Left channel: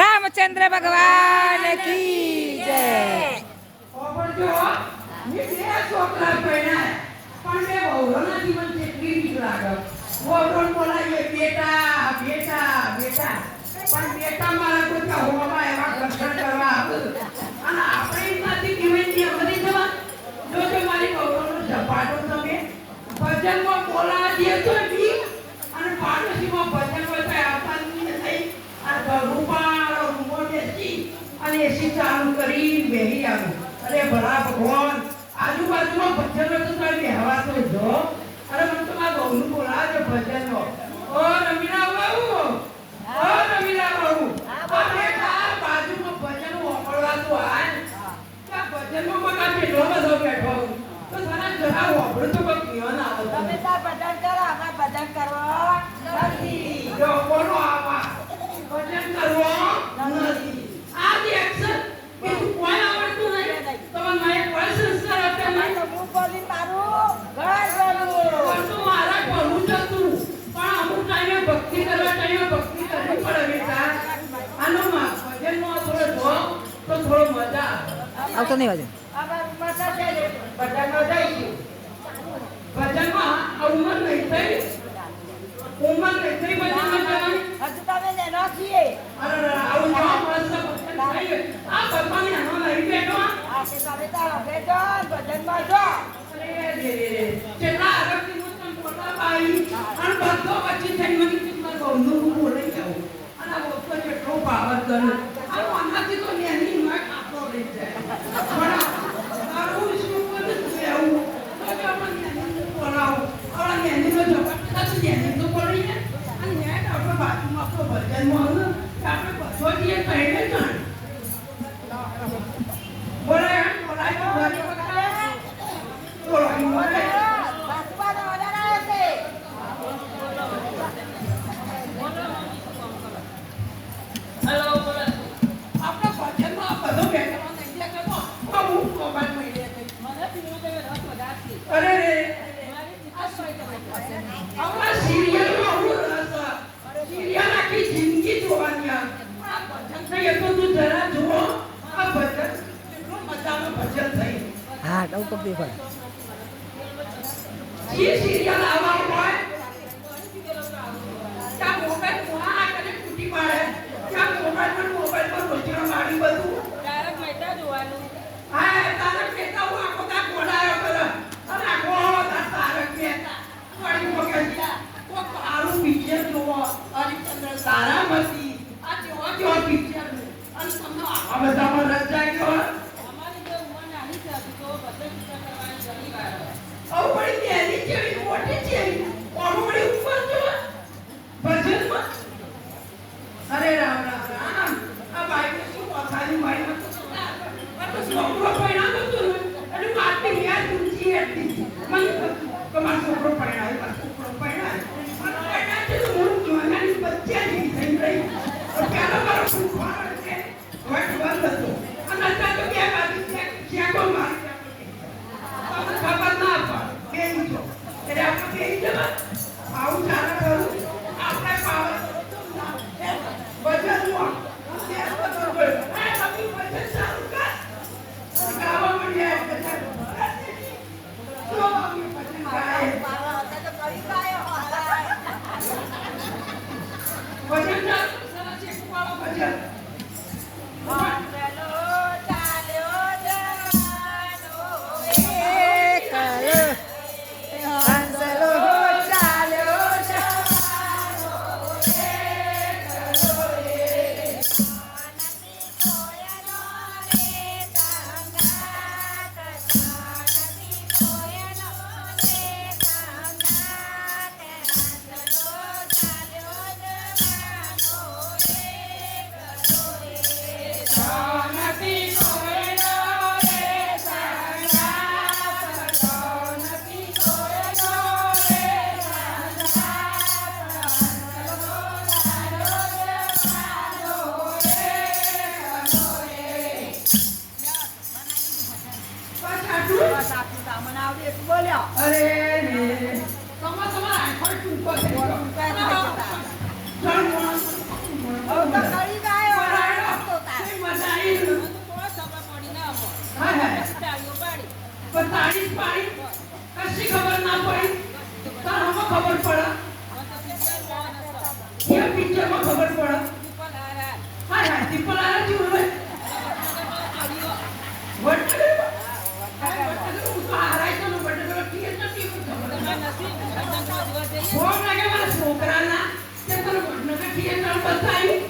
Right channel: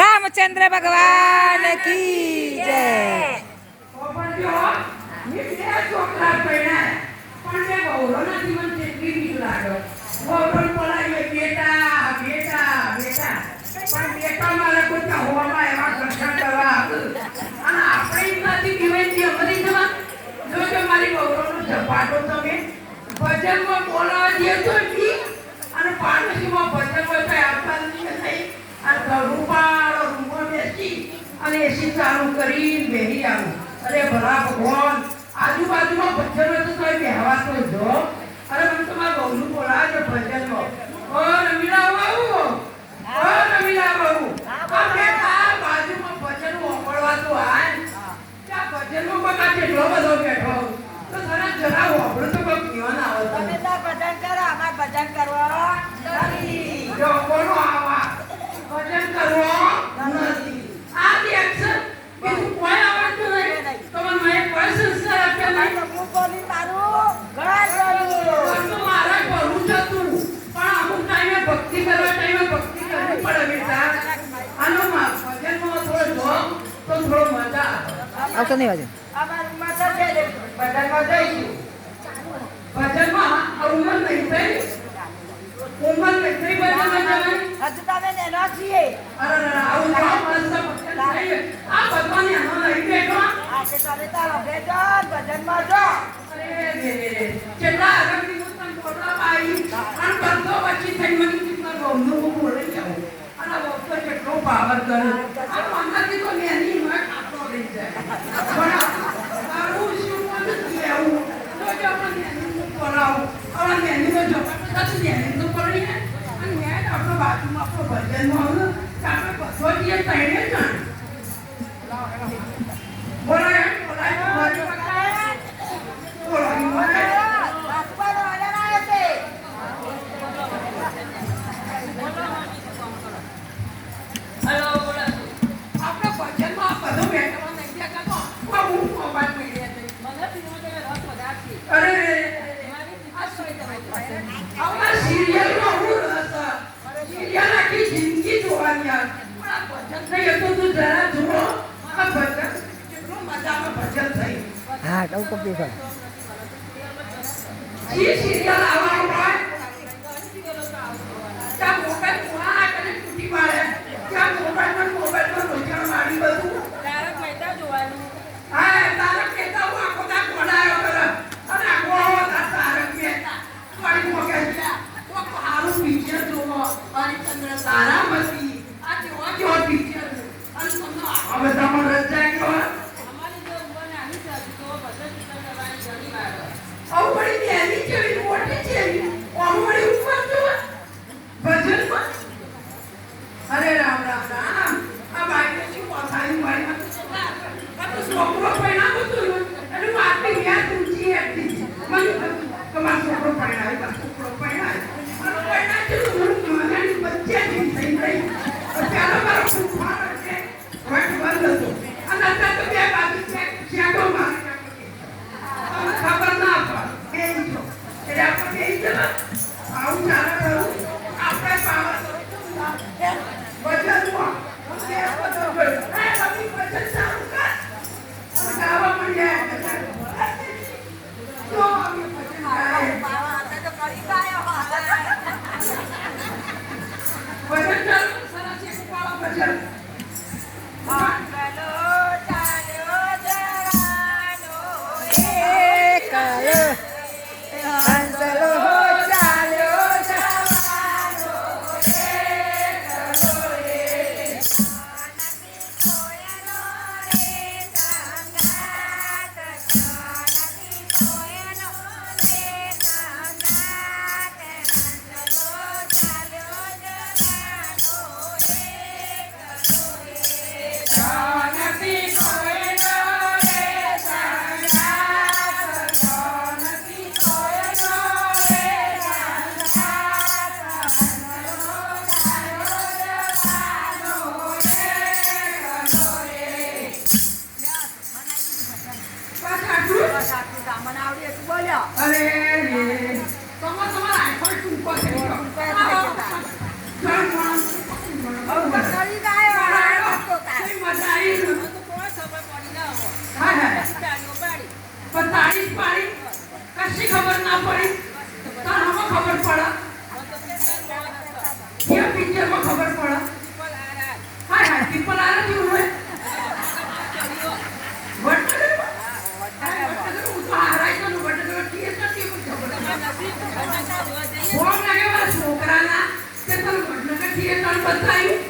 રામચંદ્ર ભગવાન કી જય છોકરા પરણ્યા, પણ જીવન જેટલી બીક લાગે. વહુઓને બોલાવીએ, બેટા, બેટા, બેટા. પણ બેટા મારા કોઈ હોવામાં એવા ઘર્ષણ કરવા અને આપણે એમનાથી દિવાળી જે બની જવા. જોજો મારી વહુઓનો ઝપાટો તમે. ભજનમાં બોલાવા દે તો ઠીક. અને પાડોશીમાં ભજન હોય તો આવતા નથી થઈ. અને ઘરનું પાડો, રૂમમાં બેસી અને એસી ચાલુ કરી બેહી આવું. અરે ભલા ભગવાન. આજુબાજુમાં હોય તો તમે બેહવા તો જો અરે મને તમારા બહુનું બોલાવે છે ભજનમાં. ઓ રમીલા બહુ ઓ રમીલા બહુ આ બાજુમાં ભજન સાંભળવા તો આય ત્યાં ભજનમાં બધા કેટલો બધો બેઠો તો તને જરા વાપરો તો કોઈ કહેવાના આવે તમે તને. તાર ભજન કરો અમાર ભજન કરવા નથી જો કોનો આવા. ભજન કરવા નથી આ જે action, બીજું કોઈ આવડતું નહીં. તમે મને કોઈ સંસ્કાર આપ્યા અમાર નહીં. તો મું બોલી તારું ઘર બોલું તો મારા ઘરનું જ હતું. પણ અમુક ટાઈમે ભક્તિ કરવા ટાઈમે ભક્તિ કરવી પડે બેટા. આનો માં ભજનમાં થોડો જોમ તો થોડો મજા આવે. આવતો નહીં હજુ અમાર ઉંમર તો છે જ. ભજનમાં જઈશું. ભજનમાં આ ઉંમર નહીં થઈ. ઉંમર નહીં થઈ ભજનમાં જવાની. હજુ તમે નેનો છીએ અરે અરે, આવું તો આપણે સબ ભજન થઈએ. આ ભગવાનને આનો લઈ બેઠો. આ તે તમે તાર અભે જો ભજનમાં જો અરે રે નહીં રે. કેટલા તને અને બધો પછી થઈ મને કીધું, બહુનું હું બોલાઈ અને આ કેટલો પાવર કર્યો. આ આમાંથી તો મેની ભજનમાં આપણે બધો જઈએ કહીને જાણ. બોલાય, બોલાય, બોલાય. બોલાય, બોલાય. બાસુબાનો ઓર્ડર આવ્યો છે આપણે ભજનમાં આ બધો બેઠો નહીં દેખાતો. આ હું મોબાઈલ મળી હતી. અરે રે આમાં સિરિયલમાં હું રસ સિરિયલ આખી જિંદગી જોવાની પણ આ ભજન થઈ એ તો તું જરા જુઓ. આ ભજન કેટલું મજાનું ભજન થઈ. હા તો કપી પડે જે સિરિયલ આવવાનું હોય, ત્યાં મોબાઈલ પુરાણા કરીને તૂટી પાડે. ત્યાં મોબાઈલમાં ને મોબાઈલમાં લોચણ મારી બધું. હા, તારક મહેતા હું આખો દાડો ઘોડાયો કરે. અને આખો આવો દાડો તારક મહેતા. વળી મગજ. કોક સારું picture જોવો. હરિશ્ચંદ્ર તારામતી. આ જેવા જેવા picture. અને તમને આ બધામાં રચાય ગયો. આવું વળી નેની જેવી મોટી જેવી. આમાં ઉપર જો. ભજનમાં. અરે રામ રામ રામ. આ બાઈક શું પોતાની મારી મત છોકરો પરણાવો બોલ્યા. અરે તમે તમારા આખો ટૂંકો ખબર ના પડી. ખબર પડે? ખબર પડે? હા પીપલ આરા કેવું મારા છોકરાના તે પણ કીએ તને બતાવ્યું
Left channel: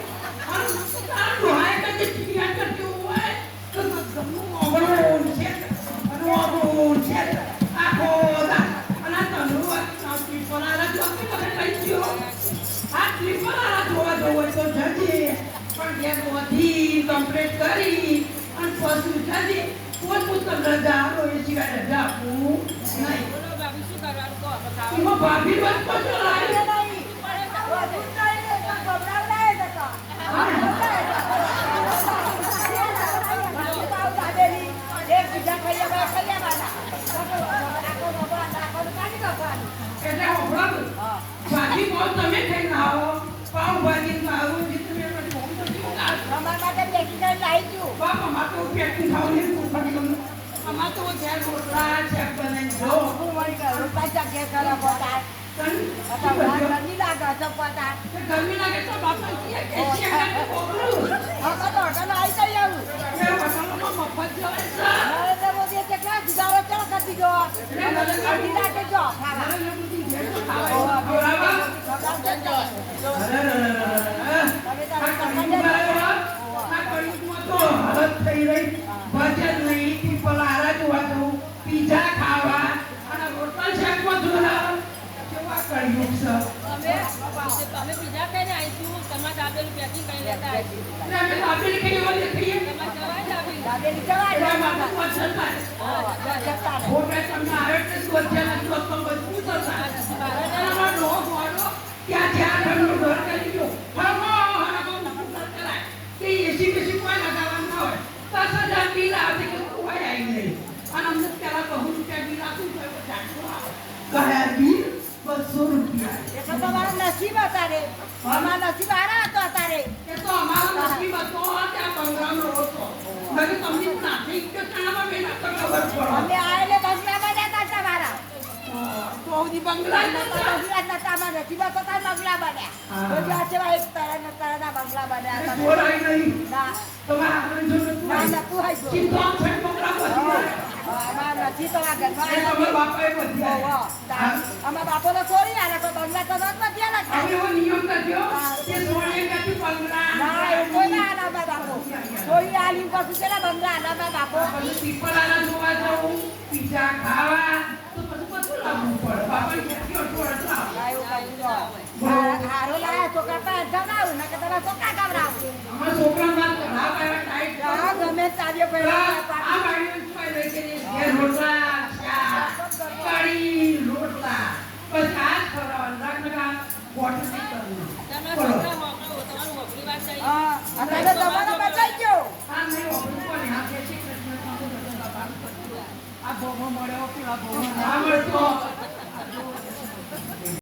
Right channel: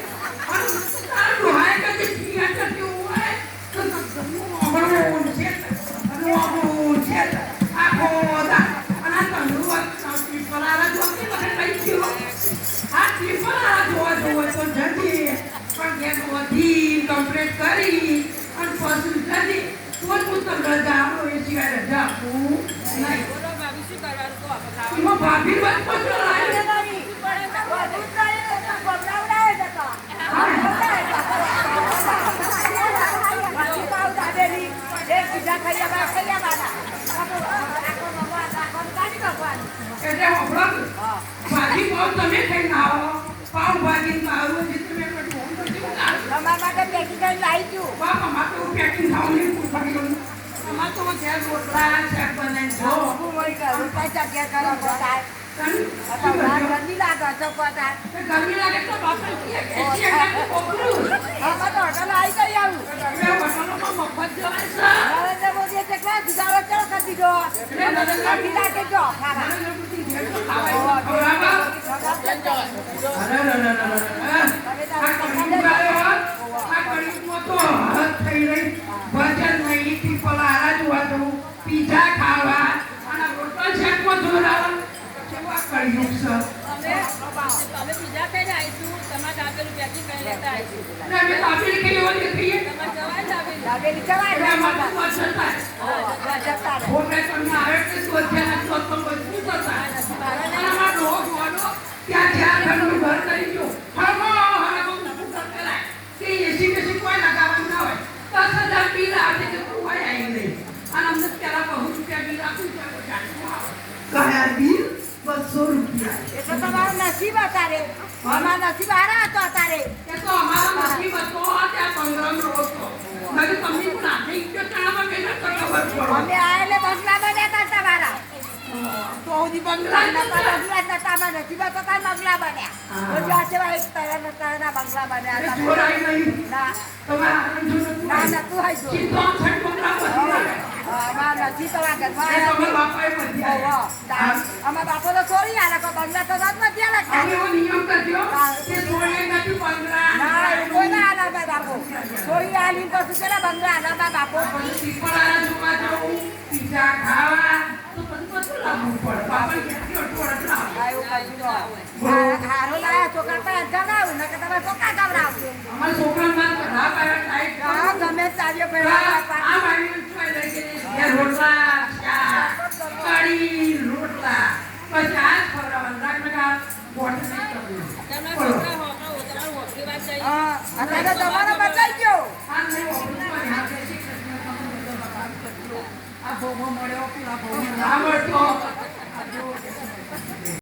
અમાર તો પેકિંગ ખાવું નહીં ખાવું અમાર તો ત્યાં રોટલા શાક બનાવીને ખાઓ ગરમી લાગે તો પતા ગરમી લાગે તો ડોક્ટર અમે તો હોટલ આવી જઈ આવું નરેન્દ્ર મોદીએ કેટલા સુધારો ચલો કરી દીધો અડધી લાગે જો ખાવા મને બધી ભેળ તો ખાવા ખવડાવવા. સગામ છે ને તમે. અરે, અરે, અરે, અરે, અરે. તમે તો આ હવે કળિયુગ તમને જ આવ્યો. આ કળિયુગમાં તો હદ થઈ રહી. ભજન નહીં, પીપલ હારા જોવા જવું, પીઝા ખાવા, અને રોટલા શાકમાં જોડાવ. કેવા કળિયુગ છે. અમે પીઝા ખાઈને આવીશું. તમારા દાદાનું પેકિંગ કરી લેતા આવીશું. દાબેલી જવાય દાબેલી તો તમારું નસીબ અતારે અમારું નસીબ આરા હતો અતારે એ તો અમારો નસીબ હતો, કે સંગ્રામ રહો છો. મેં તો તમને પણ હાથે ઈંટો ચણામાં મહેનત કરવા પડે. અમે આયેલે બંગલા બન્યા હતા તમારા તો સુધી બંગલા નતા. બંગલા નતા અમારા નસીબ હતો તાર બંગલા બન્યા હા. તો જ્યાં છે તારા એક તારા બંગલા બન્યા તમે ના ના આવ્યું. નતું હોય જો અમારા નસીબ ઘરમાં બાપો તો છોડી આલે તો બંગલા તો. કે સોળે નથી બંગલા. ના એ કોઈ ના આલે અમારા બાપો આલી પછી બંગલા આલે ન. હા, હારો લાયા છોકરા પાસે ગવડાવું નકર તમે છોકરા. હા, ગમે ચાલ્યો પહેલા ઘેર રોટલા, કઢી, રોટલા. પછી આ જ ખવડાવવાનું. બોટલ તમારા બચાઈ ગયો. આ ભોગો મળ્યો, આ ભોગો ના મળતો.